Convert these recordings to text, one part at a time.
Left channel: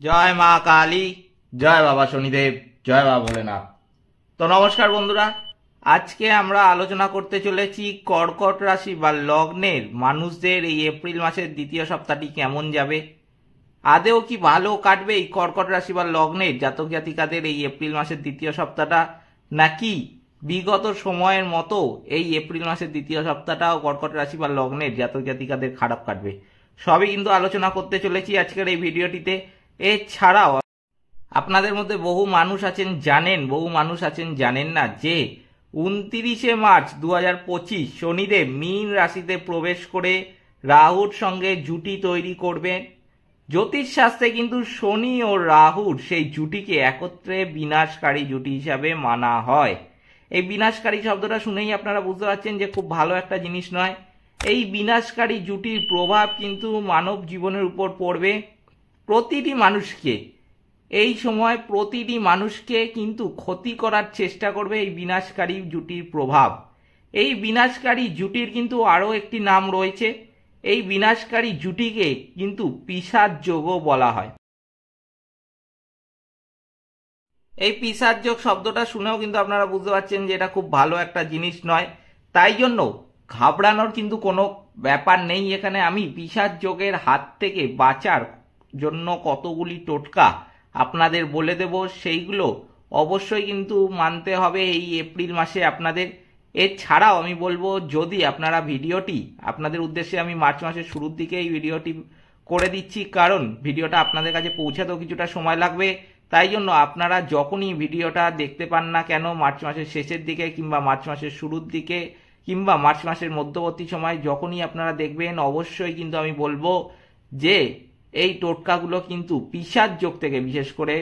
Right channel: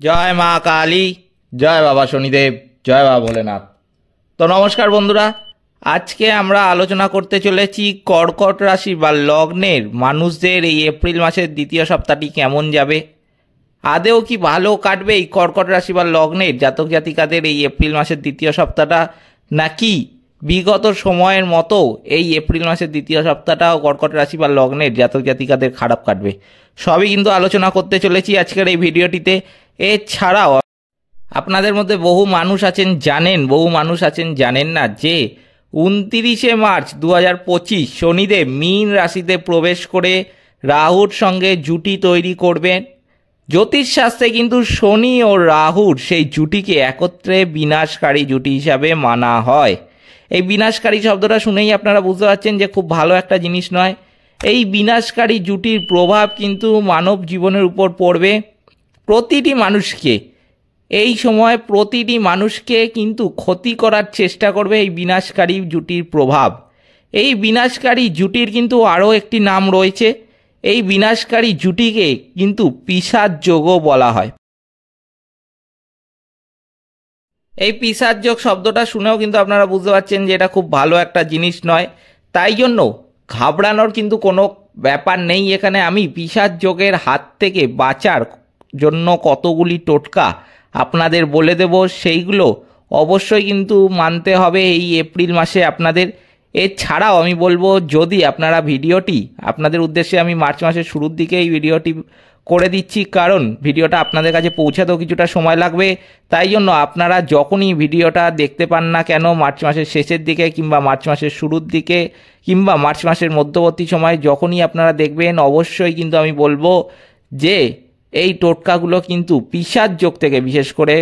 জয় মা কালী, জয় বাবা শনিদেব, জয় বাবা ভোলেনাথ। তো নমস্কার বন্ধুরা, আজকে আমরা আলোচনা করতে চলেছি কর্কট রাশি বা লগ্নের মানুষদের এই এপ্রিল মাসের দ্বিতীয় সপ্তাহটি কেমন যাবে। আদেও কি ভালো কাটবে এই কর্কট রাশি বা লগ্নের জাতক জাতিকাদের এই এপ্রিল মাসের দ্বিতীয় সপ্তাহটা, নাকি বিগত সময়ের মতো এই এপ্রিল মাসের দ্বিতীয় সপ্তাহটাও কর্কট রাশি বা লগ্নের জাতক জাতিকাদের খারাপ কাটবে, সবই কিন্তু আলোচনা করতে চলেছি আজকের এই ভিডিওটিতে। এছাড়াও আপনাদের মধ্যে বহু মানুষ আছেন জানেন, বহু মানুষ আছেন জানেন না যে 29শে মার্চ 2025 শনিদেব মীন রাশিতে প্রবেশ করে রাহুর সঙ্গে জুটি তৈরি করবেন। জ্যোতিষশাস্ত্রে কিন্তু শনি ও রাহুর সেই জুটিকে একত্রে বিনাশকারী জুটি হিসাবে মানা হয়। এই বিনাশকারী শব্দটা শুনেই আপনারা বুঝতে পারছেন যে খুব ভালো একটা জিনিস নয়। এই বিনাশকারী জুটির প্রভাব কিন্তু মানব জীবনের উপর পড়বে। প্রতিটি মানুষকে এই সময় প্রতিটি মানুষকে কিন্তু ক্ষতি করার চেষ্টা করবে এই বিনাশকারী জুটির প্রভাব। এই বিনাশকারী জুটির কিন্তু আরও একটি নাম রয়েছে। এই বিনাশকারী জুটিকে কিন্তু পিশাচ যোগও বলা হয়। এই পিশাচ যোগ শব্দটা শুনেও কিন্তু আপনারা বুঝতে পারছেন যে এটা খুব ভালো একটা জিনিস নয়। তাই জন্য ঘাবড়ানোর কিন্তু কোনো ব্যাপার নেই। এখানে আমি পিশাচ যোগের হাত থেকে বাঁচার জন্য কতগুলি টোটকা আপনাদের বলে দেব, সেইগুলো অবশ্যই কিন্তু মানতে হবে এই এপ্রিল মাসে আপনাদের। এছাড়াও আমি বলবো, যদি আপনারা ভিডিওটি আপনাদের উদ্দেশ্যে আমি মার্চ মাসের শুরুর দিকে এই ভিডিওটি করে দিচ্ছি, কারণ ভিডিওটা আপনাদের কাছে পৌঁছাতেও কিছুটা সময় লাগবে। তাই জন্য আপনারা যখনই ভিডিওটা দেখতে পান না কেন, মার্চ মাসের শেষের দিকে কিংবা মার্চ মাসের শুরুর দিকে কিংবা মার্চ মাসের মধ্যবর্তী সময় যখনই আপনারা দেখবেন, অবশ্যই কিন্তু আমি বলবো যে এই টোটকাগুলো কিন্তু পিশাচ যোগ থেকে বিশেষ করে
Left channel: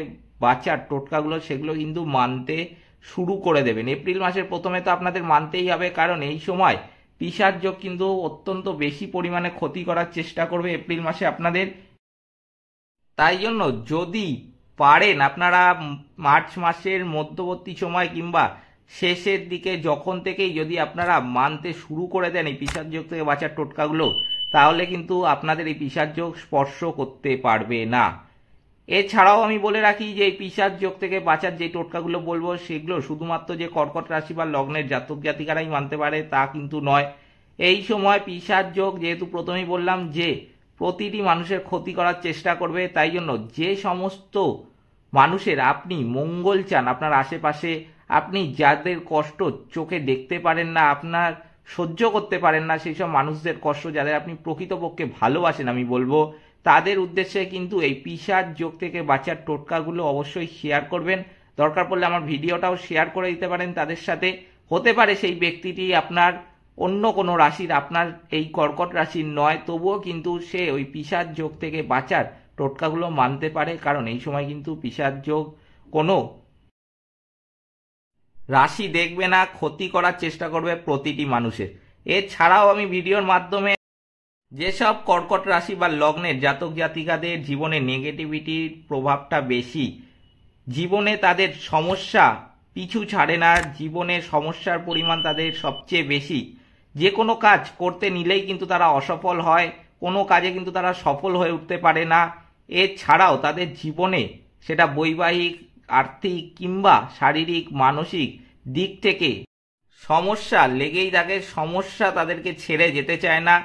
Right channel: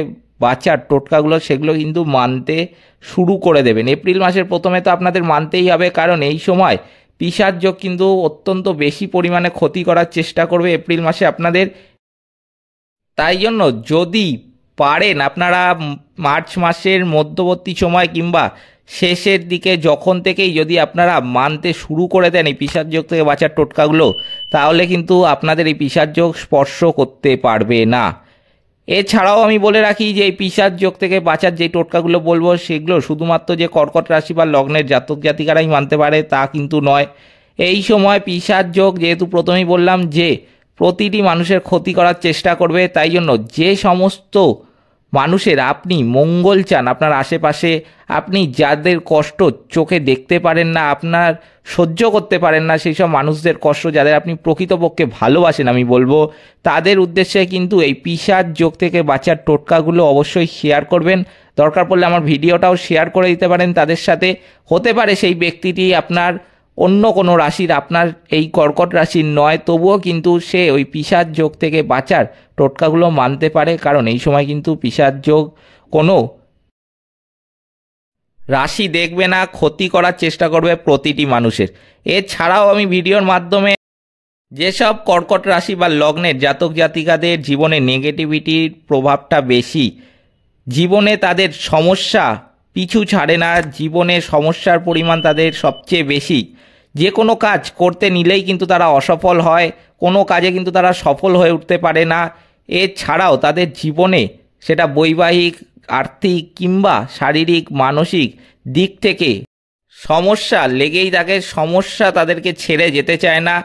বাঁচার টোটকাগুলো সেগুলো কিন্তু মানতে শুরু করে দেবেন। এপ্রিল মাসের প্রথমে তো আপনাদের মানতেই হবে, কারণ এই সময় পিশাচ যোগ কিন্তু অত্যন্ত বেশি পরিমাণে ক্ষতি করার চেষ্টা করবে এপ্রিল মাসে আপনাদের। তাই জন্য যদি পারেন আপনারা মার্চ মাসের মধ্যবর্তী সময় কিংবা শেষের দিকে যখন থেকেই যদি আপনারা মানতে শুরু করে দেন এই পিশাচ যোগ থেকে বাঁচার টোটকাগুলো, তাহলে কিন্তু আপনাদের এই পিশাচ যোগ স্পর্শ করতে পারবে না। এছাড়াও আমি বলে রাখি যে এই পিশাচ যোগ থেকে বাঁচার যে টোটকাগুলো বলবো, সেগুলো শুধুমাত্র যে কর্কট রাশি বা লগ্নের জাতক জাতিকারাই মানতে পারে তা কিন্তু নয়। এই সময় পিশাচ যোগ যেহেতু প্রথমেই বললাম যে প্রতিটি মানুষের ক্ষতি করার চেষ্টা করবে, তাই জন্য যে সমস্ত মানুষের আপনি মঙ্গল চান আপনার আশেপাশে, আপনি যাদের কষ্ট চোখে দেখতে পারেন না, আপনার সহ্য করতে পারেন না, সেই সব মানুষদের কষ্ট যাদের আপনি প্রকৃতপক্ষে ভালোবাসেন, আমি বলবো তাদের উদ্দেশ্যে কিন্তু এই পিশাচ যোগ থেকে বাঁচার টোটকাগুলো অবশ্যই শেয়ার করবেন। দরকার পড়লে আমার ভিডিওটাও শেয়ার করে দিতে পারেন তাদের সাথে। হতে পারে সেই ব্যক্তিটি আপনার অন্য কোনো রাশির, আপনার এই কর্কট রাশির নয়, তবুও কিন্তু সে ওই পিশাচ যোগ থেকে বাঁচার টোটকাগুলো মানতে পারে, কারণ এই সময় কিন্তু পিশাচ যোগ কোনো রাশি দেখবে না, ক্ষতি করার চেষ্টা করবে প্রতিটি মানুষের। এছাড়াও আমি ভিডিওর মাধ্যমে যেসব কর্কট রাশি বা লগ্নের জাতক জাতিকাদের জীবনে নেগেটিভিটির প্রভাবটা বেশি, জীবনে তাদের সমস্যা পিছু ছাড়ে না, জীবনে সমস্যার পরিমাণ তাদের সবচেয়ে বেশি, যে কোনো কাজ করতে নিলেই কিন্তু তারা অসফল হয়, কোনো কাজে কিন্তু তারা সফল হয়ে উঠতে পারে না। এছাড়াও তাদের জীবনে সেটা বৈবাহিক, আর্থিক কিংবা শারীরিক মানসিক দিক থেকে সমস্যা লেগেই থাকে, সমস্যা তাদেরকে ছেড়ে যেতে চায় না।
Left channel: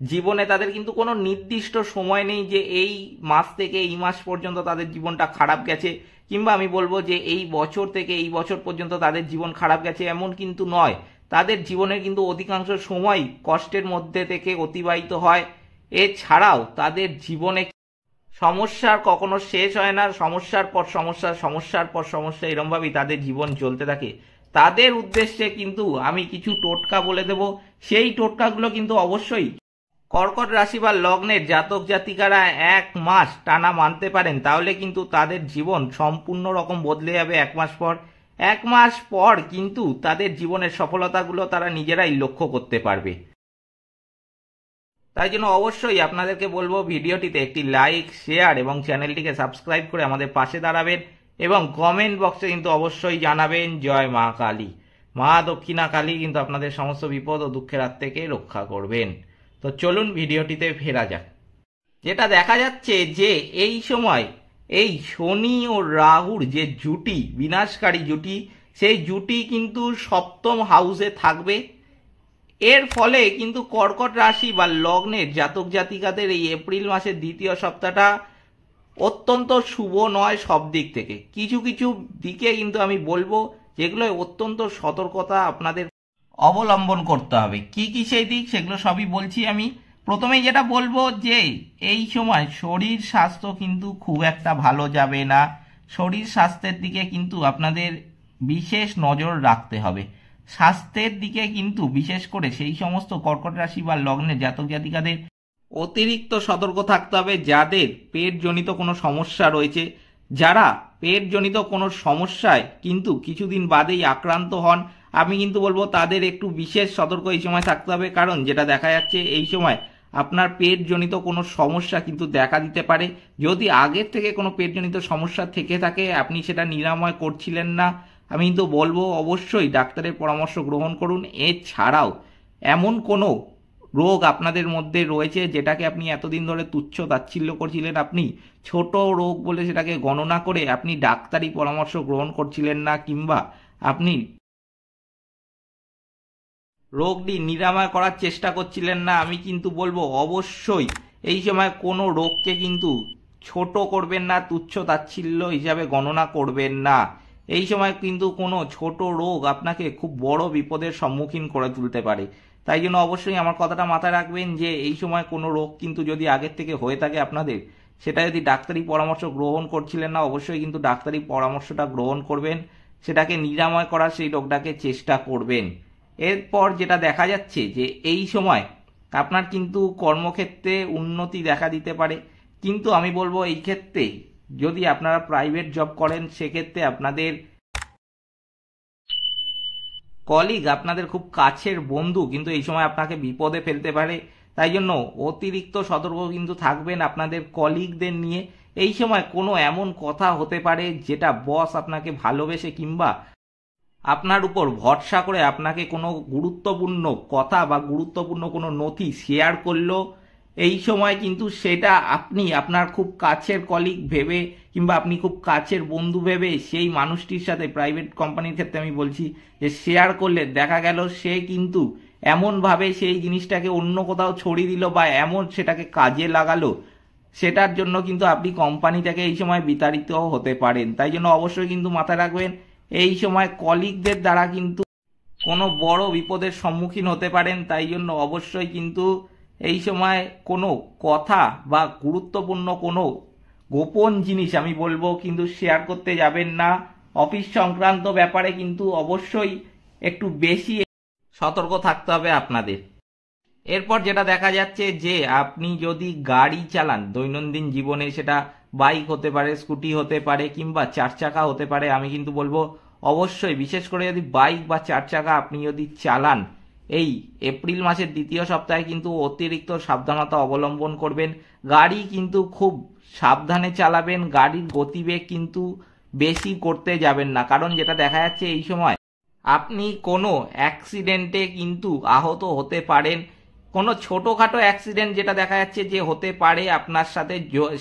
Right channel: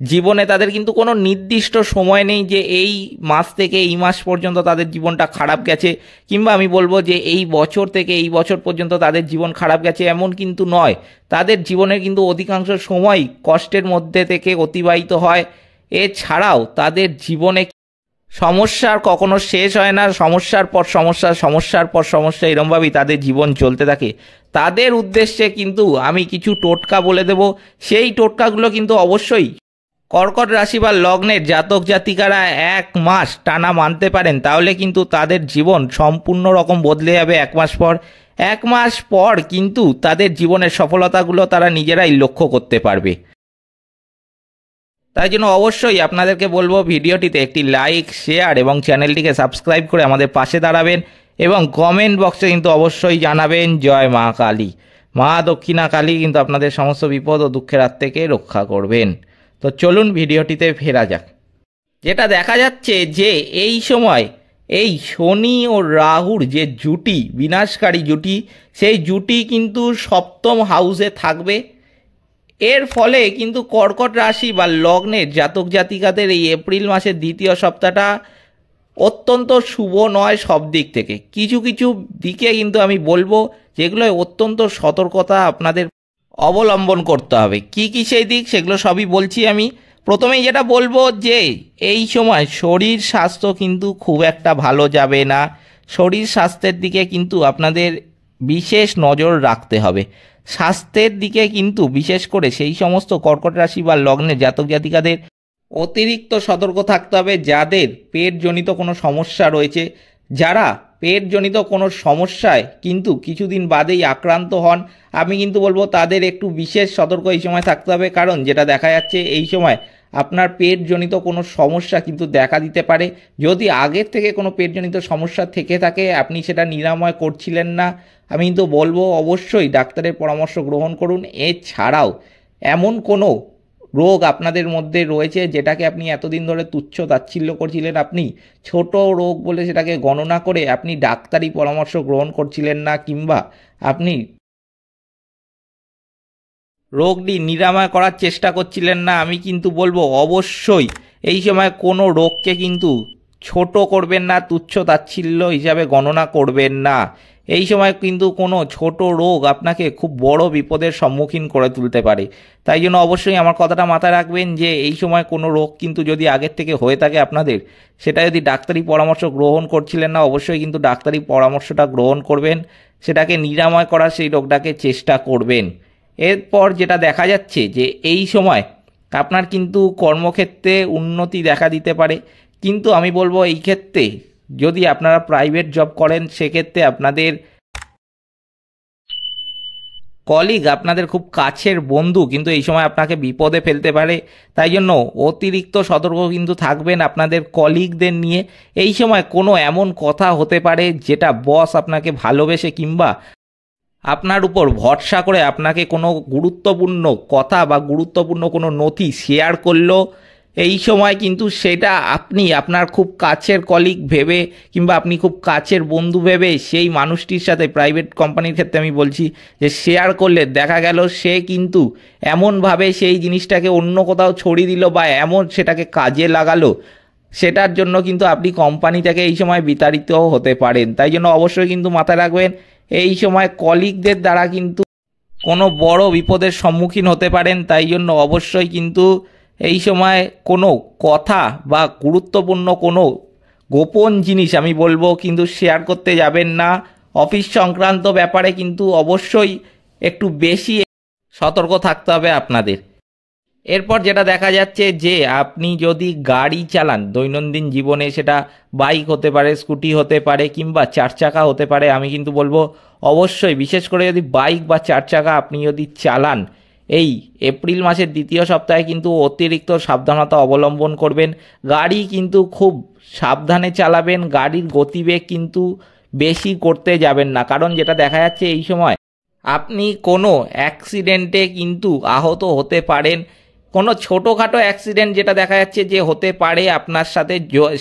জীবনে তাদের কিন্তু কোনো নির্দিষ্ট সময় নেই যে এই মাস থেকে এই মাস পর্যন্ত তাদের জীবনটা খারাপ গেছে, কিংবা আমি বলবো যে এই বছর থেকে এই বছর পর্যন্ত তাদের জীবন খারাপ গেছে, এমন কিন্তু নয়। তাদের জীবনের কিন্তু অধিকাংশ সময় কষ্টের মধ্যে থেকে অতিবাহিত হয়। এছাড়াও তাদের জীবনে সমস্যার কখনো শেষ হয় না, সমস্যার পর সমস্যা, সমস্যার পর সমস্যা, এরমভাবেই তাদের জীবন চলতে থাকে। তাদের উদ্দেশ্যে কিন্তু আমি কিছু টোটকা বলে দেব, সেই টোটকাগুলো কিন্তু অবশ্যই কর্কট রাশি বা লগ্নের জাতক জাতিকারা 1 মাস টানা মানতে পারেন, তাহলে কিন্তু তাদের জীবন সম্পূর্ণ রকম বদলে যাবে। 1 মাস পর, 1 মাস পর কিন্তু তাদের জীবনের সফলতাগুলো তারা নিজেরাই লক্ষ্য করতে পারবে। তাই জন্য অবশ্যই আপনাদেরকে বলবো ভিডিওটিতে একটি লাইক, শেয়ার এবং চ্যানেলটিকে সাবস্ক্রাইব করে আমাদের পাশে দাঁড়াবেন, এবং কমেন্ট বক্সে কিন্তু অবশ্যই জানাবেন জয় মা কালী। মা দক্ষিণা কালী কিন্তু আপনাদের সমস্ত বিপদ ও দুঃখের হাত থেকে রক্ষা করবেন। তো চলুন ভিডিওটিতে ফেরা যাক। যেটা দেখা যাচ্ছে যে এই সময় এই শনি ও রাহুর যে জুটি, বিনাশকারী জুটি, সেই জুটি কিন্তু সপ্তম হাউসে থাকবে। এর ফলে কিন্তু কর্কট রাশি বা লগ্নের জাতক জাতিকাদের এই এপ্রিল মাসের দ্বিতীয় সপ্তাহটা অত্যন্ত শুভ নয় সব দিক থেকে। কিছু কিছু দিকে কিন্তু আমি বলবো যেগুলো অত্যন্ত সতর্কতা আপনাদের অবলম্বন করতে হবে। কি কি সেই দিক, সেগুলো সবই বলছি আমি। প্রথমেই যেটা বলবো যে এই সময় শরীর স্বাস্থ্য কিন্তু খুব একটা ভালো যাবে না। শরীর স্বাস্থ্যের দিকে কিন্তু আপনাদের বিশেষ নজর রাখতে হবে। স্বাস্থ্যের দিকে কিন্তু বিশেষ করে সেই সমস্ত কর্কট রাশি বা লগ্নের জাতক জাতিকাদের অতিরিক্ত সতর্ক থাকতে হবে যাদের পেটজনিত কোনো সমস্যা রয়েছে। যারা পেটজনিত কোনো সমস্যায় কিন্তু কিছুদিন বাদেই আক্রান্ত হন, আমি কিন্তু বলবো তাদের একটু বিশেষ সতর্ক এই সময় থাকতে হবে। কারণ যেটা দেখা যাচ্ছে এই সময় আপনার পেটজনিত কোনো সমস্যা কিন্তু দেখা দিতে পারে। যদি আগের থেকে কোনো পেটজনিত সমস্যা থেকে থাকে, আপনি সেটা নিরাময় করছিলেন না, আমি কিন্তু বলবো অবশ্যই ডাক্তারের পরামর্শ গ্রহণ করুন। এছাড়াও এমন কোনো রোগ আপনাদের মধ্যে রয়েছে যেটাকে আপনি এতদিন ধরে তুচ্ছ তাচ্ছিল্য করছিলেন, আপনি ছোট রোগ বলে সেটাকে গণনা করে আপনি ডাক্তারি পরামর্শ গ্রহণ করছিলেন না, কিংবা আপনি রোগটি নিরাময় করার চেষ্টা করছিলেন না, আমি কিন্তু বলবো অবশ্যই এই সময় কোনো রোগকে কিন্তু ছোট করবেন না, তুচ্ছ তাচ্ছিল্য হিসাবে গণনা করবেন না। এই সময় কিন্তু কোনো ছোট রোগ আপনাকে খুব বড় বিপদের সম্মুখীন করে তুলতে পারে। তাই জন্য অবশ্যই আমার কথাটা মাথায় রাখবেন যে এই সময় কোনো রোগ কিন্তু যদি আগের থেকে হয়ে থাকে আপনাদের, সেটা যদি ডাক্তারি পরামর্শ গ্রহণ করছিলেন না, অবশ্যই কিন্তু ডাক্তারি পরামর্শটা গ্রহণ করবেন, সেটাকে নিরাময় করার সেই রোগটাকে চেষ্টা করবেন। এরপর যেটা দেখা যাচ্ছে যে এই সময় আপনার কিন্তু কর্মক্ষেত্রে উন্নতি দেখা দিতে পারে। কিন্তু আমি বলবো এই ক্ষেত্রে যদি আপনারা প্রাইভেট জব করেন, সেক্ষেত্রে আপনাদের কলিগ, আপনাদের খুব কাছের বন্ধু কিন্তু এই সময় আপনাকে বিপদে ফেলতে পারে। তাই জন্য অতিরিক্ত সতর্ক কিন্তু থাকবেন আপনাদের কলিগদের নিয়ে। এই সময় কোনো এমন কথা হতে পারে যেটা বস আপনাকে ভালোবেসে কিংবা আপনার উপর ভরসা করে আপনাকে কোনো গুরুত্বপূর্ণ কথা বা গুরুত্বপূর্ণ কোনো নথি শেয়ার করলো। এই সময় কিন্তু সেটা আপনি আপনার খুব কাছের কলিগ ভেবে কিংবা আপনি খুব কাছের বন্ধু ভেবে সেই মানুষটির সাথে, প্রাইভেট কোম্পানির ক্ষেত্রে আমি বলছি, যে শেয়ার করলে দেখা গেল সে কিন্তু এমনভাবে সেই জিনিসটাকে অন্য কোথাও ছড়িয়ে দিল বা এমন সেটাকে কাজে লাগালো, সেটার জন্য কিন্তু আপনি কোম্পানি থেকে এই সময় বিতাড়িত হতে পারেন। তাই জন্য অবশ্যই কিন্তু মাথায় রাখবেন এই সময় কলিগদের দ্বারা কিন্তু কোনো বড় বিপদের সম্মুখীন হতে পারেন। তাই জন্য অবশ্যই কিন্তু এই সময় কোনো কথা বা গুরুত্বপূর্ণ কোনো গোপন জিনিস আমি বলবো কিন্তু শেয়ার করতে যাবেন না। অফিস সংক্রান্ত ব্যাপারে কিন্তু অবশ্যই একটু বেশি সতর্ক থাকতে হবে আপনাদের। এরপর যেটা দেখা যাচ্ছে যে আপনি যদি গাড়ি চালান দৈনন্দিন জীবনে, সেটা বাইক হতে পারে, স্কুটি হতে পারে, কিংবা চার চাকা হতে পারে, আমি কিন্তু বলবো অবশ্যই বিশেষ করে যদি বাইক বা চার চাকা আপনি যদি চালান, এই এপ্রিল মাসের দ্বিতীয় সপ্তাহে কিন্তু অতিরিক্ত সাবধানতা অবলম্বন করবেন। গাড়ি কিন্তু খুব সাবধানে চালাবেন, গাড়ির গতিবেগ কিন্তু বেশি করতে যাবেন না। কারণ যেটা দেখা যাচ্ছে এই সময় আপনি কোনো অ্যাক্সিডেন্টে কিন্তু আহত হতে পারেন। কোনো ছোটোখাটো অ্যাক্সিডেন্ট যেটা দেখা যাচ্ছে যে হতে পারে আপনার সাথে,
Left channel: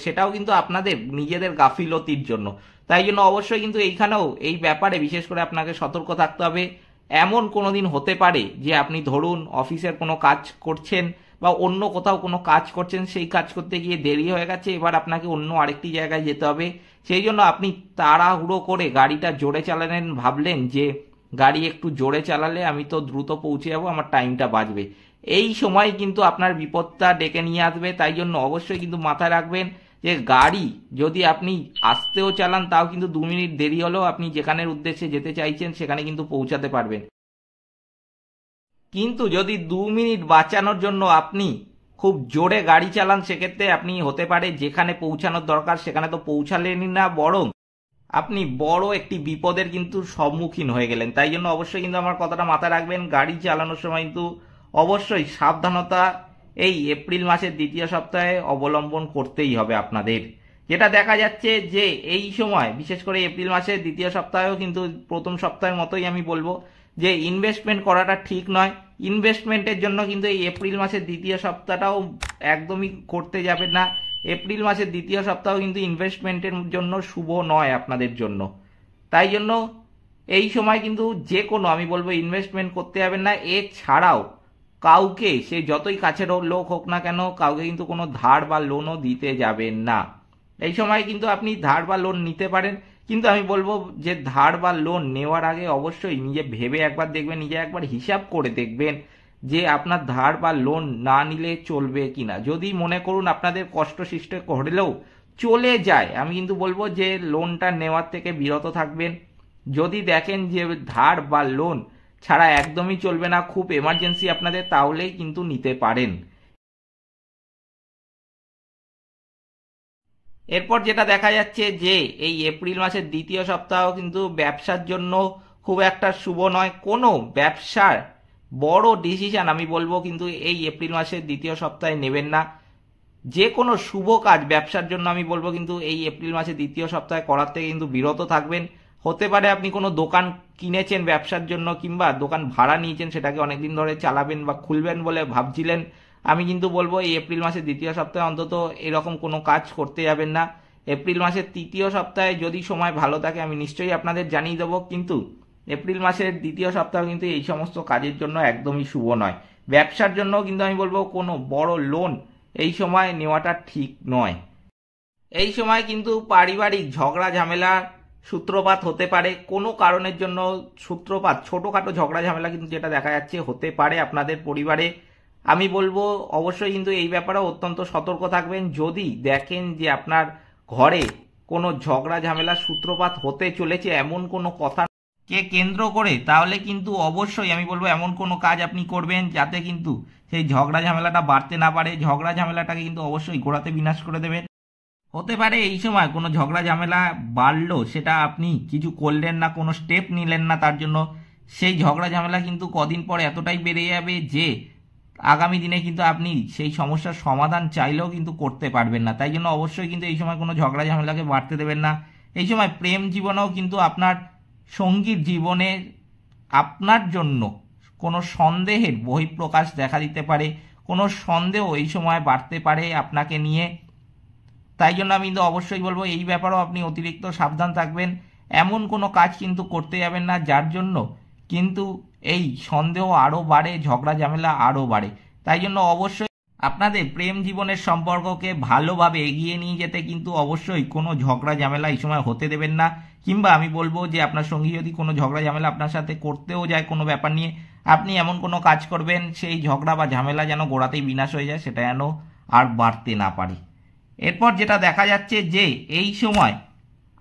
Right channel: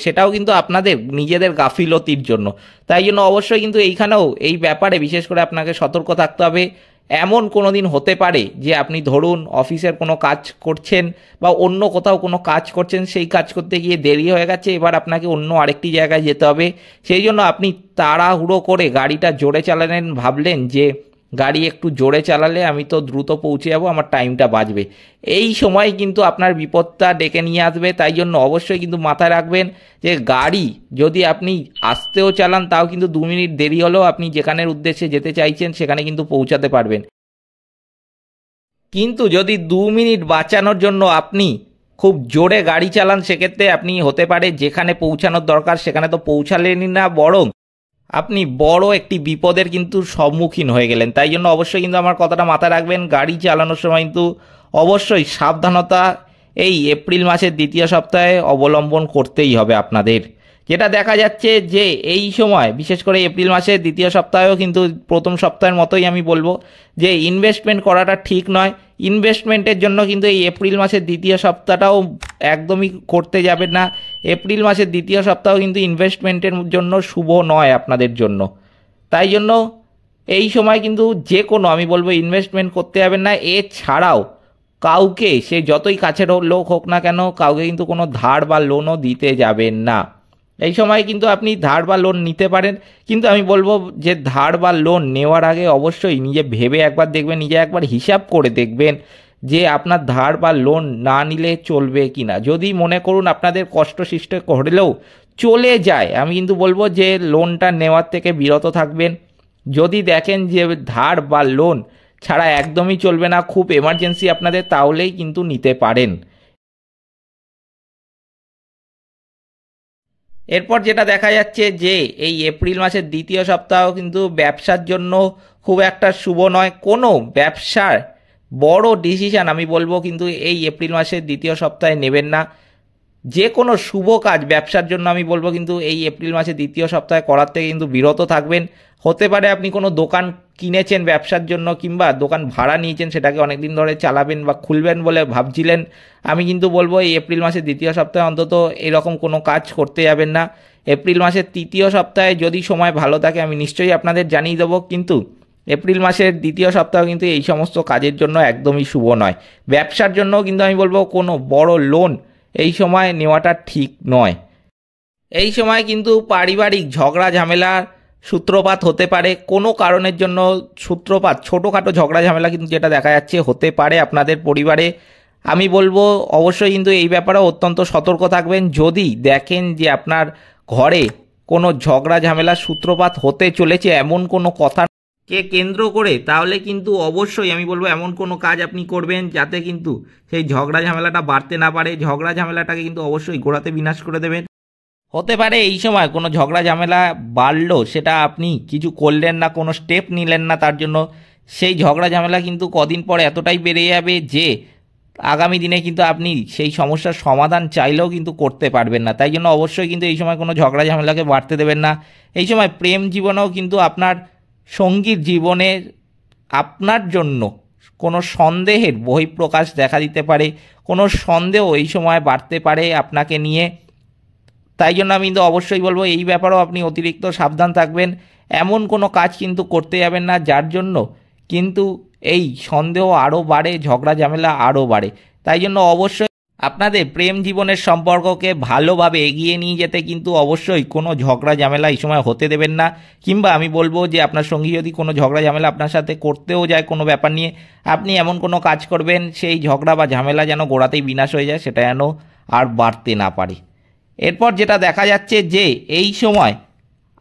সেটাও কিন্তু আপনাদের নিজেদের গাফিলতির জন্য। তাই জন্য অবশ্যই কিন্তু এইখানেও এই ব্যাপারে বিশেষ করে আপনাকে সতর্ক থাকতে হবে। এমন কোনো দিন হতে পারে যে আপনি ধরুন অফিসের কোনো কাজ করছেন বা অন্য কোথাও কোনো কাজ করছেন, সেই কাজ করতে গিয়ে দেরি হয়ে গেছে, এবার আপনাকে অন্য আরেকটি জায়গায় যেতে হবে। সেই জন্য আপনি তাড়াহুড়ো করে গাড়িটা জোরে চালালেন, ভাবলেন যে গাড়ি একটু জোরে চালালে আমি তো দ্রুত পৌঁছে যাবো, আমার টাইমটা বাঁচবে। এই সময় কিন্তু আপনার বিপদটা ডেকে নিয়ে আসবে। তাই জন্য অবশ্যই কিন্তু মাথায় রাখবেন যে গাড়ি যদি আপনি আস্তেও চালান, তাও কিন্তু 2 মিনিট দেরি হলেও আপনি যেখানের উদ্দেশ্যে যেতে চাইছেন সেখানে কিন্তু পৌঁছাতে পারবেন। কিন্তু যদি 2 মিনিট বাঁচানোর জন্য আপনি খুব জোরে গাড়ি চালান, সেক্ষেত্রে আপনি হতে পারে যেখানে পৌঁছানোর দরকার সেখানে তো পৌঁছালেনই না, বরং আপনি বড় একটি বিপদের কিন্তু সম্মুখীন হয়ে গেলেন। তাই জন্য অবশ্যই কিন্তু আমার কথাটা মাথায় রাখবেন, গাড়ি চালানোর সময় কিন্তু অবশ্যই সাবধানতা এই এপ্রিল মাসের দ্বিতীয় সপ্তাহে অবলম্বন করতেই হবে আপনাদের। যেটা দেখা যাচ্ছে যে এই সময় বিশেষ করে এপ্রিল মাসের দ্বিতীয় সপ্তাহেও কিন্তু প্রথম সপ্তাহের মতোই আমি বলবো যে ইনভেস্টমেন্ট করাটা ঠিক নয়। ইনভেস্টমেন্টের জন্য কিন্তু এই এপ্রিল মাসের দ্বিতীয় সপ্তাহটাও একদমই করতে যাবেন না। এপ্রিল মাসের দ্বিতীয় সপ্তাহ কিন্তু ইনভেস্টমেন্টের জন্য শুভ নয় আপনাদের জন্য। তাই জন্য এই সময় কিন্তু যে কোনো আমি বলবো ইনভেস্টমেন্ট করতে যাবেন না। এছাড়াও কাউকে সে যতই কাছের লোক হোক না কেন কাউকে কিন্তু কোনো ধার বা লোনও দিতে যাবেন না। এই সময় কিন্তু আপনি ধার বা লোন নিতে পারেন, কিন্তু আমি বলবো যে ধার বা লোন নেওয়ার আগে অবশ্যই নিজে ভেবে একবার দেখবেন, নিজে একবার হিসাব করে দেখবেন যে আপনার ধার বা লোন না নিলে চলবে কি না। যদি মনে করুন আপনাদের কষ্ট সৃষ্টি করলেও চলে যায়, আমি কিন্তু বলবো যে লোনটা নেওয়ার থেকে বিরত থাকবেন। যদি দেখেন যে ধার বা লোন ছাড়া একদমই চলবে না, খুব এমার্জেন্সি আপনাদের, তাহলেই কিন্তু নিতে পারেন। এরপর যেটা দেখা যাচ্ছে যে এই এপ্রিল মাসের দ্বিতীয় সপ্তাহ কিন্তু ব্যবসার জন্য খুব একটা শুভ নয়। কোনো ব্যবসার বড় ডিসিশন আমি বলবো কিন্তু এই এপ্রিল মাসের দ্বিতীয় সপ্তাহে নেবেন না। যে কোনো শুভ কাজ ব্যবসার জন্য আমি বলবো কিন্তু এই এপ্রিল মাসের দ্বিতীয় সপ্তাহে করার থেকে কিন্তু বিরত থাকবেন। হতে পারে আপনি কোনো দোকান কিনেছেন ব্যবসার জন্য, কিংবা দোকান ভাড়া নিয়েছেন, সেটাকে অনেকদিন ধরে চালাবেন বা খুলবেন বলে ভাবছিলেন। আমি কিন্তু বলবো এই এপ্রিল মাসের দ্বিতীয় সপ্তাহে অন্তত এরকম কোনো কাজ করতে যাবেন না। এপ্রিল মাসের তৃতীয় সপ্তাহে যদি সময় ভালো থাকে আমি নিশ্চয়ই আপনাদের জানিয়ে দেবো, কিন্তু এপ্রিল মাসের দ্বিতীয় সপ্তাহ কিন্তু এই সমস্ত কাজের জন্য একদমই শুভ নয়। ব্যবসার জন্য কিন্তু আমি বলবো কোনো বড় লোন এই সময় নেওয়াটা ঠিক নয়। এই সময় কিন্তু পারিবারিক ঝগড়া ঝামেলার সূত্রপাত হতে পারে, কোনো কারণের জন্য সূত্রপাত, ছোটোখাটো ঝগড়া ঝামেলা কিন্তু যেটা দেখা যাচ্ছে হতে পারে আপনাদের পরিবারে। আমি বলবো অবশ্যই কিন্তু এই ব্যাপারে অত্যন্ত সতর্ক থাকবেন। যদি দেখেন যে আপনার ঘরে কোনো ঝগড়া ঝামেলার সূত্রপাত হতে চলেছে এমন কোনো কথা কে কেন্দ্র করে, তাহলে কিন্তু অবশ্যই আমি বলবো এমন কোনো কাজ আপনি করবেন যাতে কিন্তু সেই ঝগড়া ঝামেলাটা বাড়তে না পারে। ঝগড়া ঝামেলাটাকে কিন্তু অবশ্যই গোড়াতে বিনাশ করে দেবেন। হতে পারে এই সময় কোনো ঝগড়া ঝামেলা বাড়লো, সেটা আপনি কিছু করলেন না, কোনো স্টেপ নিলেন না, তার জন্য সেই ঝগড়া ঝামেলা কিন্তু কদিন পর এতটাই বেড়ে যাবে যে আগামী দিনে কিন্তু আপনি সেই সমস্যার সমাধান চাইলেও কিন্তু করতে পারবেন না। তাই জন্য অবশ্যই কিন্তু এই সময় কোনো ঝগড়া ঝামেলাকে বাড়তে দেবেন না। এই সময় প্রেম জীবনেও কিন্তু আপনার সঙ্গীর জীবনে আপনার জন্য কোনো সন্দেহের বহিঃপ্রকাশ দেখা দিতে পারে, কোনো সন্দেহ এই সময় বাড়তে পারে আপনাকে নিয়ে। তাই জন্য আমি কিন্তু অবশ্যই বলবো এই ব্যাপারেও আপনি অতিরিক্ত সাবধান থাকবেন। এমন কোনো কাজ কিন্তু করতে যাবেন না যার জন্য কিন্তু এই সন্দেহ আরও বাড়ে, ঝগড়া ঝামেলা আরও বাড়ে। তাই জন্য অবশ্যই আপনাদের প্রেম জীবনের সম্পর্ককে ভালোভাবে এগিয়ে নিয়ে যেতে কিন্তু অবশ্যই কোনো ঝগড়া ঝামেলা এই সময় হতে দেবেন না। কিংবা আমি বলবো যে আপনার সঙ্গী যদি কোনো ঝগড়া ঝামেলা আপনার সাথে করতেও যায় কোনো ব্যাপার নিয়ে, আপনি এমন কোনো কাজ করবেন সেই ঝগড়া বা ঝামেলা যেন গোড়াতেই বিনাশ হয়ে যায়, সেটা যেন আর বাড়তে না পারে। এরপর যেটা দেখা যাচ্ছে যে এই সময়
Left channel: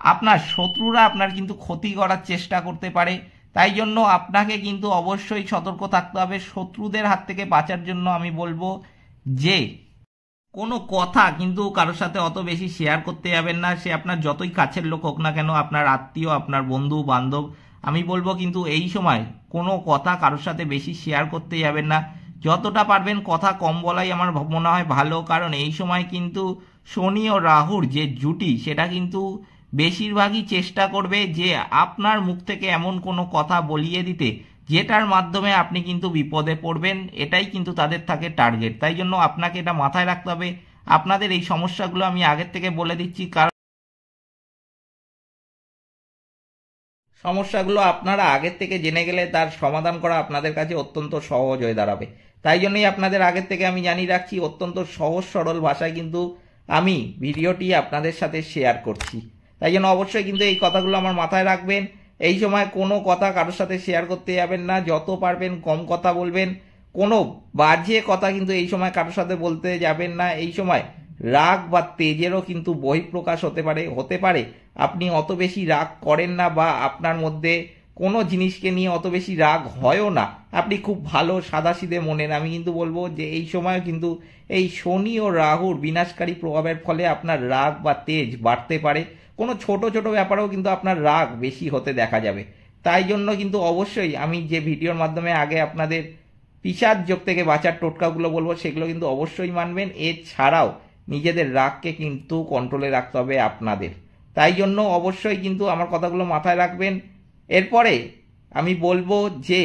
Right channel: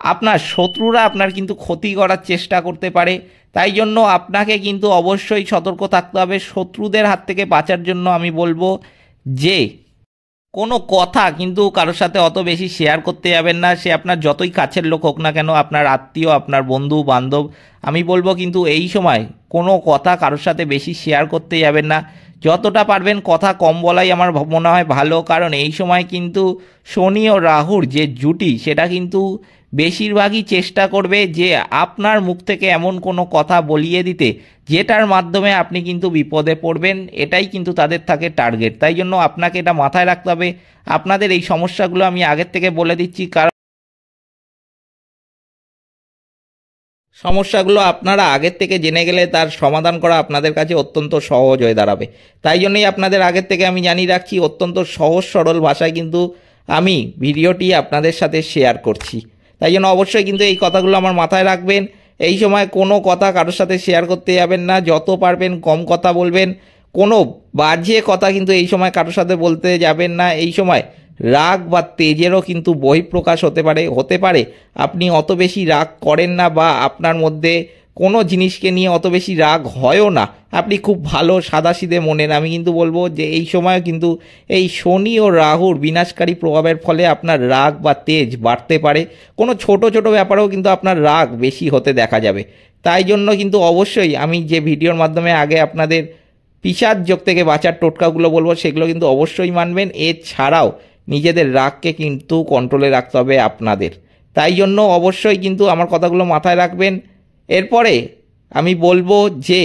আপনার শত্রুরা আপনার কিন্তু ক্ষতি করার চেষ্টা করতে পারে। তাই জন্য আপনাকে কিন্তু অবশ্যই সতর্ক থাকতে হবে। শত্রুদের হাত থেকে বাঁচার জন্য আমি বলবো যে কোনো কথা কিন্তু কারোর সাথে অত বেশি শেয়ার করতে যাবেন না। সে আপনার যতই কাছের লোক হোক না কেন, আপনার আত্মীয়, আপনার বন্ধু বান্ধব, আমি বলবো কিন্তু এই সময় কোনো কথা কারোর সাথে বেশি শেয়ার করতে যাবেন না। যতটা পারবেন কথা কম বলাই আমার মনে হয় ভালো, কারণ এই সময় কিন্তু শনি ও রাহুর যে জুটি সেটা কিন্তু বেশিরভাগই চেষ্টা করবে যে আপনার মুখ থেকে এমন কোনো কথা বলিয়ে দিতে যেটার মাধ্যমে আপনি কিন্তু বিপদে পড়বেন। এটাই কিন্তু তাদের থাকে টার্গেট। তাই জন্য আপনাকে এটা মাথায় রাখতে হবে। আপনাদের এই সমস্যাগুলো আমি আগের থেকে বলে দিচ্ছি, কারণ সমস্যাগুলো আপনারা আগের থেকে জেনে গেলে তার সমাধান করা আপনাদের কাছে অত্যন্ত সহজ হয়ে দাঁড়াবে। তাই জন্যই আপনাদের আগের থেকে আমি জানিয়ে রাখছি, অত্যন্ত সহজ সরল ভাষায় কিন্তু আমি ভিডিওটি আপনাদের সাথে শেয়ার করছি। তাই জন্য অবশ্যই কিন্তু এই কথাগুলো আমার মাথায় রাখবেন। এই সময় কোনো কথা কারোর সাথে শেয়ার করতে যাবেন না, যত পারবেন কম কথা বলবেন। কোনো বাজে কথা কিন্তু এই সময় কারোর সাথে বলতে যাবেন না। এই সময় রাগ বা তেজেরও কিন্তু বহিঃপ্রকাশ হতে পারে আপনি অত বেশি রাগ করেন না, বা আপনার মধ্যে কোনো জিনিসকে নিয়ে অত বেশি রাগ হয়ও না, আপনি খুব ভালো সাদাসিধে মনের। আমি কিন্তু বলবো যে এই সময় কিন্তু এই শনি ও রাহুর বিনাশকারী প্রভাবের ফলে আপনার রাগ বা তেজ বাড়তে পারে। কোনো ছোট ছোট ব্যাপারেও কিন্তু আপনার রাগ বেশি হতে দেখা যাবে। তাই জন্য কিন্তু অবশ্যই আমি যে ভিডিওর মাধ্যমে আগে আপনাদের পিশাচ যোগ থেকে বাঁচার টোটকাগুলো বলবো সেগুলো কিন্তু অবশ্যই মানবেন। এছাড়াও নিজেদের রাগকে কিন্তু কন্ট্রোলে রাখতে হবে আপনাদের। তাই জন্য অবশ্যই কিন্তু আমার কথাগুলো মাথায় রাখবেন। এরপরে আমি বলবো যে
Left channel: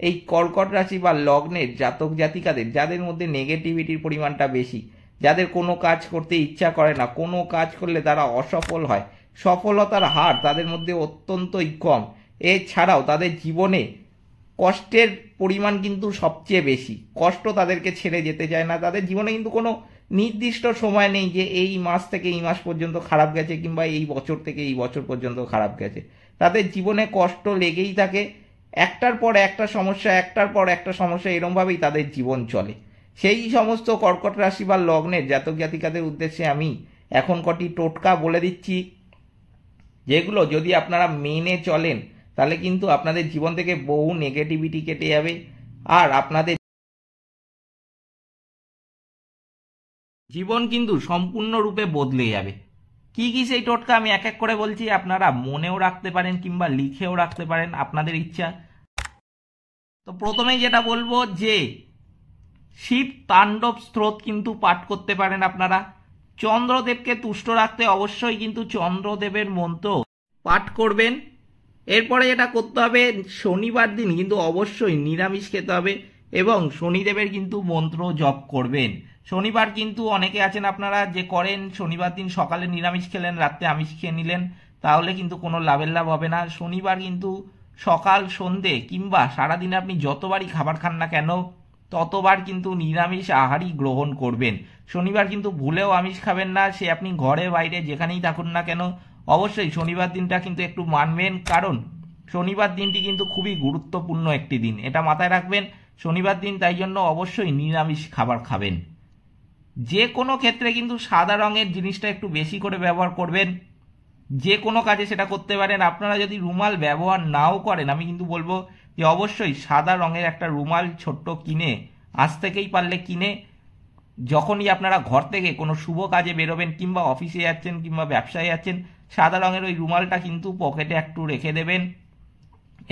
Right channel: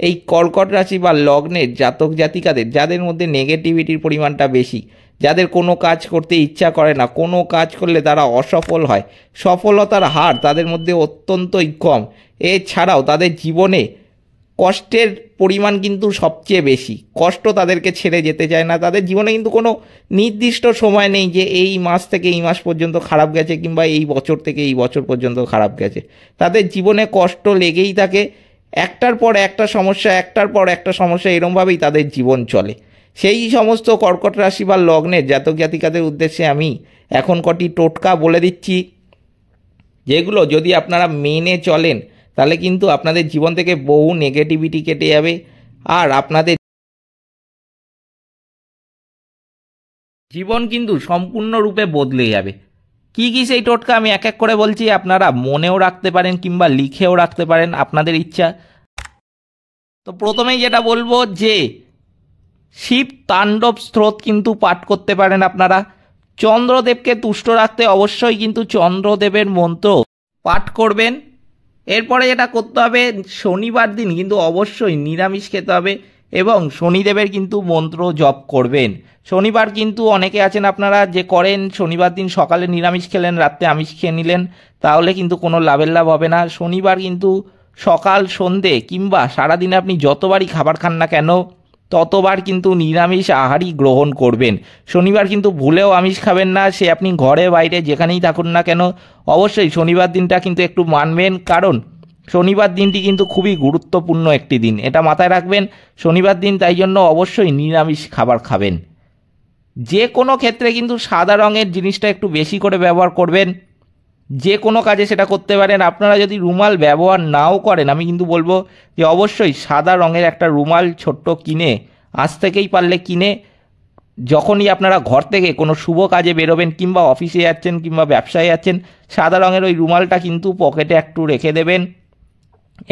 এই কর্কট রাশি বা লগ্নের জাতক জাতিকাদের যাদের মধ্যে নেগেটিভিটির পরিমাণটা বেশি, যাদের কোনো কাজ করতে ইচ্ছা করে না, কোনো কাজ করলে তারা অসফল হয়, সফলতার হার তাদের মধ্যে অত্যন্তই কম। এছাড়াও তাদের জীবনে কষ্টের পরিমাণ কিন্তু সবচেয়ে বেশি, কষ্ট তাদেরকে ছেড়ে যেতে চায় না। তাদের জীবনে কিন্তু কোনো নির্দিষ্ট সময় নেই যে এই মাস থেকে এই মাস পর্যন্ত খারাপ গেছে কিংবা এই বছর থেকে এই বছর পর্যন্ত খারাপ গেছে। তাদের জীবনে কষ্ট লেগেই থাকে, একটার পর একটা সমস্যা, একটার পর একটা সমস্যা, এরমভাবেই তাদের জীবন চলে। সেই সমস্ত কর্কট রাশি বা লগ্নের জাতক জাতিকাদের উদ্দেশ্যে আমি এখন কটি টোটকা বলে দিচ্ছি, যেগুলো যদি আপনারা মেনে চলেন তাহলে কিন্তু আপনাদের জীবন থেকে বহু নেগেটিভিটি কেটে যাবে আর আপনাদের জীবন কিন্তু সম্পূর্ণরূপে বদলে যাবে। কি কি সেই টোটকা আমি এক এক করে বলছি, আপনারা মনেও রাখতে পারেন কিংবা লিখেও রাখতে পারেন, আপনাদের ইচ্ছা। তো প্রথমেই যেটা বলবো যে শিব তাণ্ডব স্তোত্র কিন্তু পাঠ করতে পারেন আপনারা। চন্দ্রদেবকে তুষ্ট রাখতে অবশ্যই কিন্তু চন্দ্রদেবের মন্ত্র পাঠ করবেন। এরপরে যেটা করতে হবে, শনিবার দিন কিন্তু অবশ্যই নিরামিষ খেতে হবে এবং শনিদেবের কিন্তু মন্ত্র জপ করবেন। শনিবার কিন্তু অনেকে আছেন আপনারা যে করেন শনিবার দিন সকালে নিরামিষ খেলেন, রাত্রে আমিষ খেয়ে নিলেন, তাহলে কিন্তু কোনো লাভের লাভ হবে না। শনিবার কিন্তু সকাল সন্ধে কিংবা সারাদিনে আপনি যতবারই খাবার খান না কেন ততবার কিন্তু নিরামিষ আহারই গ্রহণ করবেন। শনিবার কিন্তু ভুলেও আমিষ খাবেন না, সে আপনি ঘরে বাইরে যেখানেই থাকুন না কেন, অবশ্যই শনিবার দিনটা কিন্তু একটু মানবেন, কারণ শনিবার দিনটি কিন্তু খুবই গুরুত্বপূর্ণ একটি দিন, এটা মাথায় রাখবেন। শনিবার দিন তাই জন্য অবশ্যই নিরামিষ খাবার খাবেন। যে কোনো ক্ষেত্রে কিন্তু সাদা রঙের জিনিসটা একটু বেশি করে ব্যবহার করবেন, যে কোনো কাজে সেটা করতে পারেন। আপনারা যদি রুমাল ব্যবহার নাও করেন, আমি কিন্তু বলবো যে অবশ্যই সাদা রঙের একটা রুমাল ছোট্ট কিনে, আজ থেকেই পারলে কিনে, যখনই আপনারা ঘর থেকে কোনো শুভ কাজে বেরোবেন কিংবা অফিসে যাচ্ছেন কিংবা ব্যবসায় যাচ্ছেন, সাদা রঙের ওই রুমালটা কিন্তু পকেটে একটু রেখে দেবেন।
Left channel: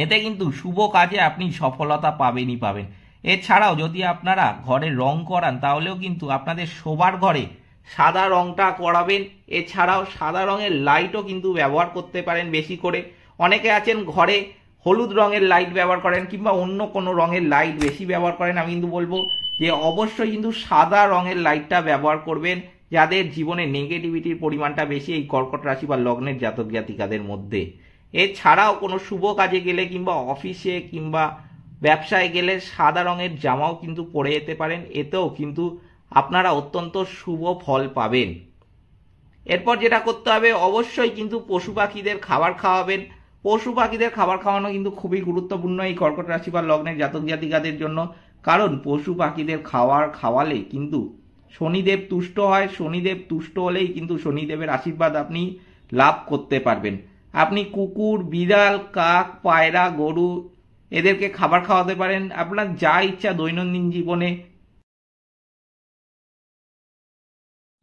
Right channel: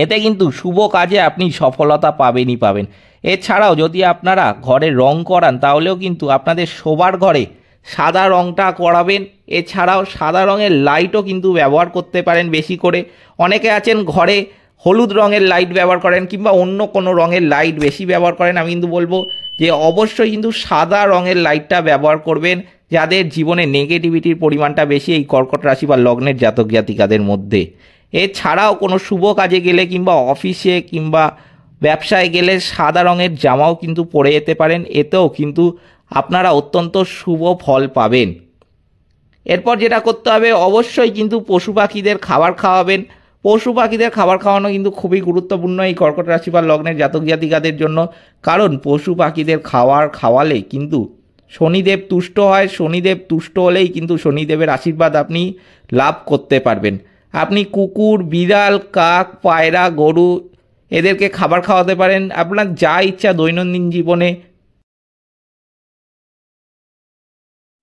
এতে কিন্তু শুভ কাজে আপনি সফলতা পাবেনই পাবেন। এছাড়াও যদি আপনারা ঘরে রং করান তাহলেও কিন্তু আপনাদের শোবার ঘরে সাদা রংটা করাবেন। এছাড়াও সাদা রঙের লাইটও কিন্তু ব্যবহার করতে পারেন বেশি করে। অনেকে আছেন ঘরে হলুদ রঙের লাইট ব্যবহার করেন কিংবা অন্য কোনো রঙের লাইট বেশি ব্যবহার করেন, আমি কিন্তু বলবো যে অবশ্যই কিন্তু সাদা রঙের লাইটটা ব্যবহার করবেন, যাদের জীবনে নেগেটিভিটির পরিমাণটা বেশি এই কর্কট রাশি বা লগ্নের জাতক জাতিকাদের মধ্যে। এছাড়াও কোনো শুভ কাজে গেলে কিংবা অফিসে কিংবা ব্যবসায় গেলে সাদা রঙের জামাও কিন্তু পরে যেতে পারেন, এতেও কিন্তু আপনারা অত্যন্ত শুভ ফল পাবেন। এরপর যেটা করতে হবে, অবশ্যই কিন্তু পশু পাখিদের খাবার খাওয়াবেন। পশু পাখিদের খাবার খাওয়ানো কিন্তু খুবই গুরুত্বপূর্ণ এই কর্কট রাশি বা লগ্নের জাতক জাতিকাদের জন্য, কারণ পশু পাখিদের খাবার খাওয়ালে কিন্তু শনিদেব তুষ্ট হয়। শনিদেব তুষ্ট হলেই কিন্তু শনিদেবের আশীর্বাদ আপনি লাভ করতে পারবেন। আপনি কুকুর, বিড়াল, কাক, পায়রা, গরু এদেরকে খাবার খাওয়াতে পারেন। আপনার যা ইচ্ছা দৈনন্দিন জীবনে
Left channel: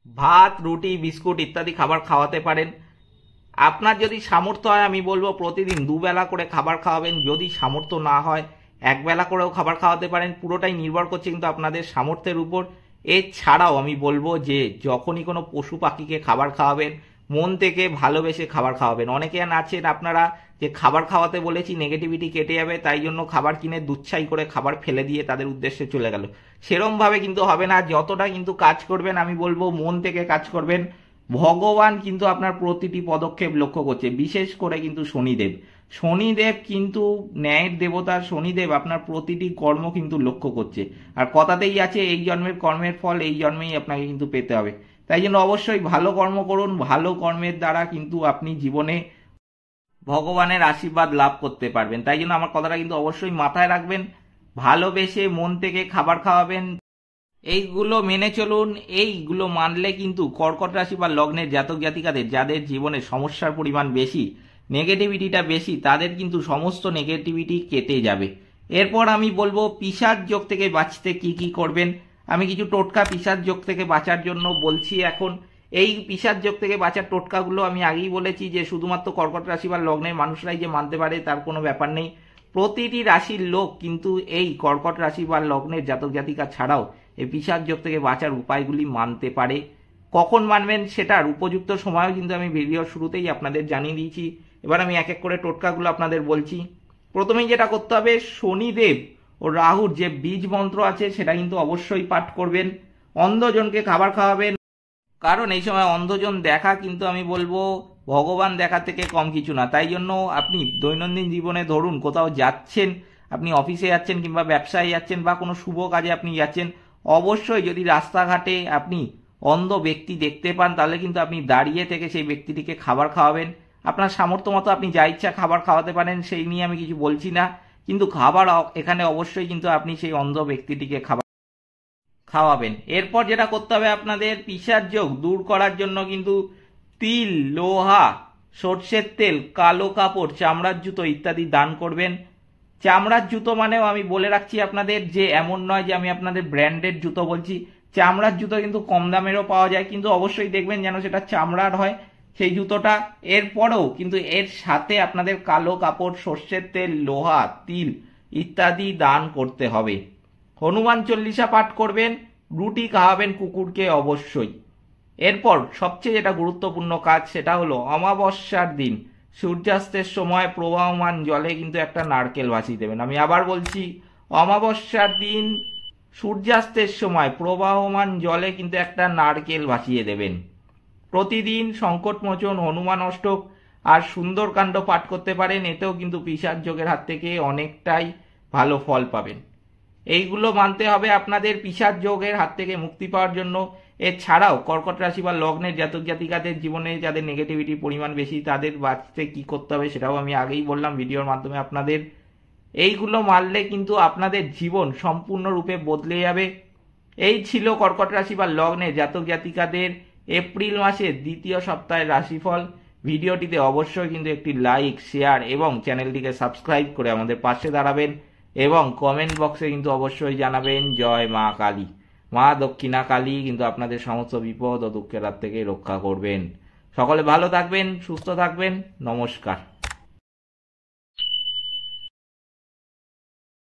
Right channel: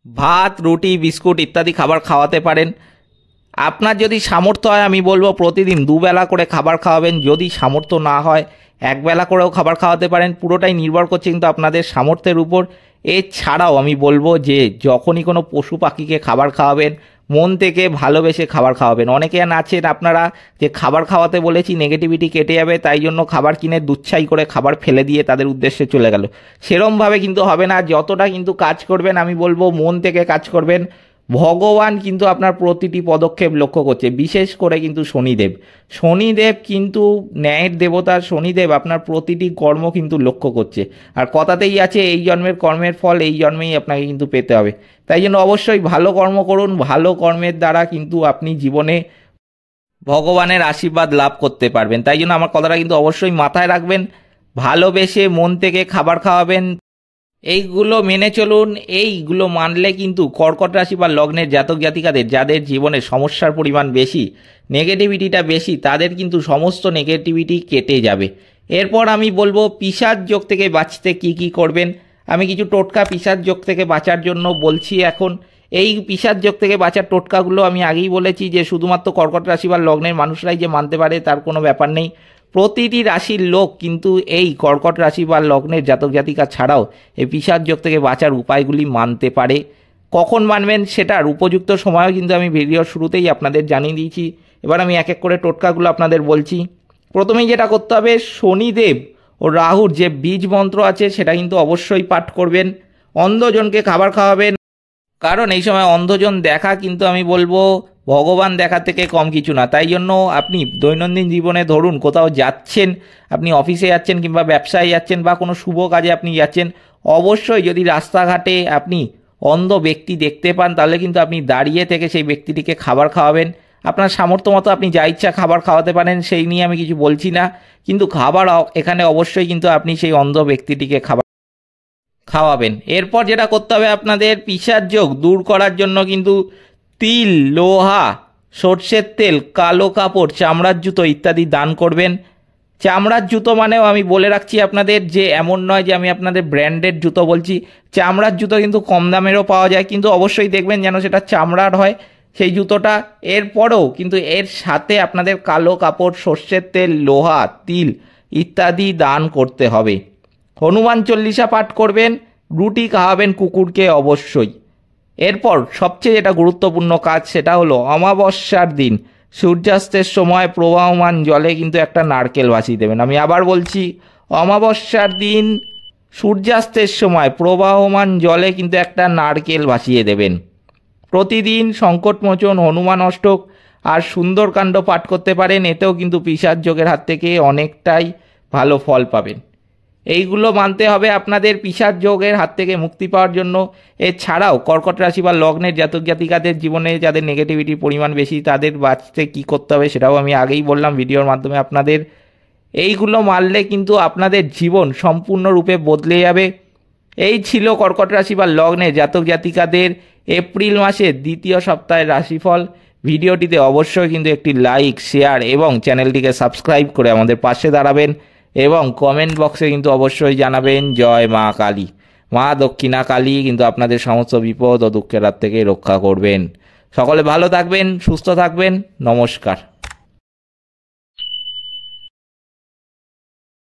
ভাত, রুটি, বিস্কুট ইত্যাদি খাবার খাওয়াতে পারেন। আপনার যদি সামর্থ্য হয় আমি বলবো প্রতিদিন দুবেলা করে খাবার খাওয়াবেন। যদি সামর্থ্য না হয় একবেলা করেও খাবার খাওয়াতে পারেন, পুরোটাই নির্ভর করছে কিন্তু আপনাদের সামর্থ্যের উপর। এছাড়াও আমি বলবো যে যখনই কোনো পশু পাখিকে খাবার খাওয়াবেন মন থেকে ভালোবেসে খাবার খাওয়াবেন। অনেকে আছেন আপনারা যে খাবার খাওয়াতে বলেছি নেগেটিভিটি কেটে যাবে তাই জন্য খাবার কিনে দুচ্ছাই করে খাবার ফেলে দিয়ে তাদের উদ্দেশ্যে চলে গেল, সেরমভাবে কিন্তু হবে না। যতটা কিন্তু কাজ করবেন আমি বলবো মন থেকে কাজ করবেন। ভগবান কিন্তু আপনার প্রতিটি পদক্ষেপ লক্ষ্য করছে, বিশেষ করে কিন্তু শনিদেব। শনিদেব কিন্তু ন্যায়ের দেবতা, শনিদেব আপনার প্রতিটি কর্ম কিন্তু লক্ষ্য করছে। আর কথাতেই আছে এই জন্মের কর্মের ফল এই জন্মেই আপনাকে কিন্তু পেতে হবে। তাই জন্য অবশ্যই ভালো কর্ম করুন, ভালো কর্মের দ্বারা কিন্তু আপনি জীবনে ভগবানের আশীর্বাদ লাভ করতে পারবেন। তাই জন্য আমার কথাটা কিন্তু অবশ্যই মাথায় রাখবেন, ভালোবেসে মন থেকে খাবার খাওয়াবেন, এইগুলো মেনে চলুন। এইগুলো মানলে কিন্তু কর্কট রাশি বা লগ্নের জাতক জাতিকাদের যাদের জীবনে সমস্যার পরিমাণ বেশি, নেগেটিভিটিটা বেশি, তাদের কিন্তু সমস্ত নেগেটিভিটি কেটে যাবে। এরপর আমি বলবো পিশাচ যোগ থেকে বাঁচতে কি কি করবেন। আমি কিছু টোটকা পিশাচ যোগ থেকে বাঁচার জন্য বলছি এখন। এই পিশাচ যোগ থেকে বাঁচার টোটকাগুলো আমি আগেই বলেছি যে শুধুমাত্র কর্কট রাশি বা লগ্নের মানুষরাই যে মানতে পারে তার কোনো ব্যাপার নেই। প্রতিটি রাশির লোক কিন্তু এই কর্কট রাশি বা লগ্নের জাতক জাতিকা ছাড়াও এই পিশাচ যোগ থেকে বাঁচার উপায়গুলি মানতে পারে। কখন মানবেন সেটার উপযুক্ত সময়ও কিন্তু আমি ভিডিওর শুরুতেই আপনাদের জানিয়ে দিয়েছি। এবার আমি এক এক করে টোটকাগুলো আপনাদের বলছি। প্রথমেই যেটা করতে হবে, শনিদেব ও রাহুর যে বীজ মন্ত্র আছে সেটা কিন্তু অবশ্যই পাঠ করবেন। অন্ধজনকে খাবার খাওয়াবেন, কারণ এই সময় অন্ধজন দেখা কিন্তু আমি বলবো ভগবান দেখা থেকে কম কিছু না। তাই জন্য আপনি দৈনন্দিন জীবনে ধরুন কোথাও যাচ্ছেন, আপনি অফিসে যাচ্ছেন কিংবা ব্যবসায় যাচ্ছেন বা কোনো শুভ কাজে আপনি যাচ্ছেন, অবশ্যই যদি রাস্তাঘাটে আপনি অন্ধ ব্যক্তি দেখতে পান তাহলে কিন্তু আপনি দাঁড়িয়ে থেকে সেই ব্যক্তিটিকে খাবার খাওয়াবেন। আপনার সামর্থ্য মতো আপনি যা ইচ্ছা খাবার খাওয়াতে পারেন, সেই নিয়ে আমি কিছু বলছি না, কিন্তু খাবার এখানে অবশ্যই কিন্তু আপনি সেই অন্ধ ব্যক্তিটিকে খাওয়াবেন। এরপর যেটা করতে হবে আপনাদের পিশাচ যোগ দূর করার জন্য কিন্তু তিল, লোহা, সর্ষের তেল, কালো কাপড়, চামড়ার জুতো ইত্যাদি দান করবেন। চামড়ার জুতো মানেও আমি বলে রাখছি আপনাদের যে এমন নয় যে আমি আপনাদের ব্র্যান্ডেড জুতো বলছি, চামড়ার জুতো কিন্তু কম দামেরও পাওয়া যায়, কিন্তু অবশ্যই দেখবেন যেন সেটা চামড়ার হয় সেই জুতোটা। এরপরেও কিন্তু এর সাথে আপনাদের কালো কাপড়, সর্ষের তেল, লোহা, তিল ইত্যাদি দান করতে হবে। হনুমান চল্লিশা পাঠ করবেন, রুটি খাওয়াবেন কুকুরকে অবশ্যই। এরপর সবচেয়ে যেটা গুরুত্বপূর্ণ কাজ সেটা হলো অমাবস্যার দিন সূর্যাস্তের সময় প্রবাহমান জলে কিন্তু একটা নারকেল ভাসিয়ে দেবেন। আমি আবার বলছি, অমাবস্যার দিন সূর্যাস্তের সময় প্রবাহমান জলে কিন্তু একটা নারকেল ভাসিয়ে দেবেন। প্রতিদিন সংকটমোচন, হনুমান অষ্টক আর সুন্দরকাণ্ড পাঠ করতে পারেন, এতেও কিন্তু পিশাচ যোগের হাত থেকে অনেকটাই ভালো ফল পাবেন। এইগুলো মানতে হবে আপনাদের পিশাচ যোগের হাত থেকে মুক্তি পাওয়ার জন্য। এছাড়াও কর্কট রাশি বা লগ্নের জাতক জাতিকাদের জীবনে যাদের নেগেটিভিটির পরিমাণ বেশি তাদের বাঁচতে কী করতে হবে সেটাও আমি আগেই বললাম ভিডিওর মাধ্যমে আপনাদের। এইগুলো মানলে কিন্তু আপনাদের জীবন সম্পূর্ণরূপে বদলে যাবে। এই ছিল কর্কট রাশি বা লগ্নের জাতক জাতিকাদের এপ্রিল মাসের দ্বিতীয় সপ্তাহের রাশিফল। ভিডিওটিতে অবশ্যই কিন্তু একটি লাইক, শেয়ার এবং চ্যানেলটিকে সাবস্ক্রাইব করে আমাদের পাশে দাঁড়াবেন এবং কমেন্ট বক্সে কিন্তু অবশ্যই জানাবেন জয় মা কালী। মা দক্ষিণা কালী কিন্তু আপনাদের সমস্ত বিপদ ও দুঃখের হাত থেকে রক্ষা করবেন। সকলে ভালো থাকবেন, সুস্থ থাকবেন, নমস্কার।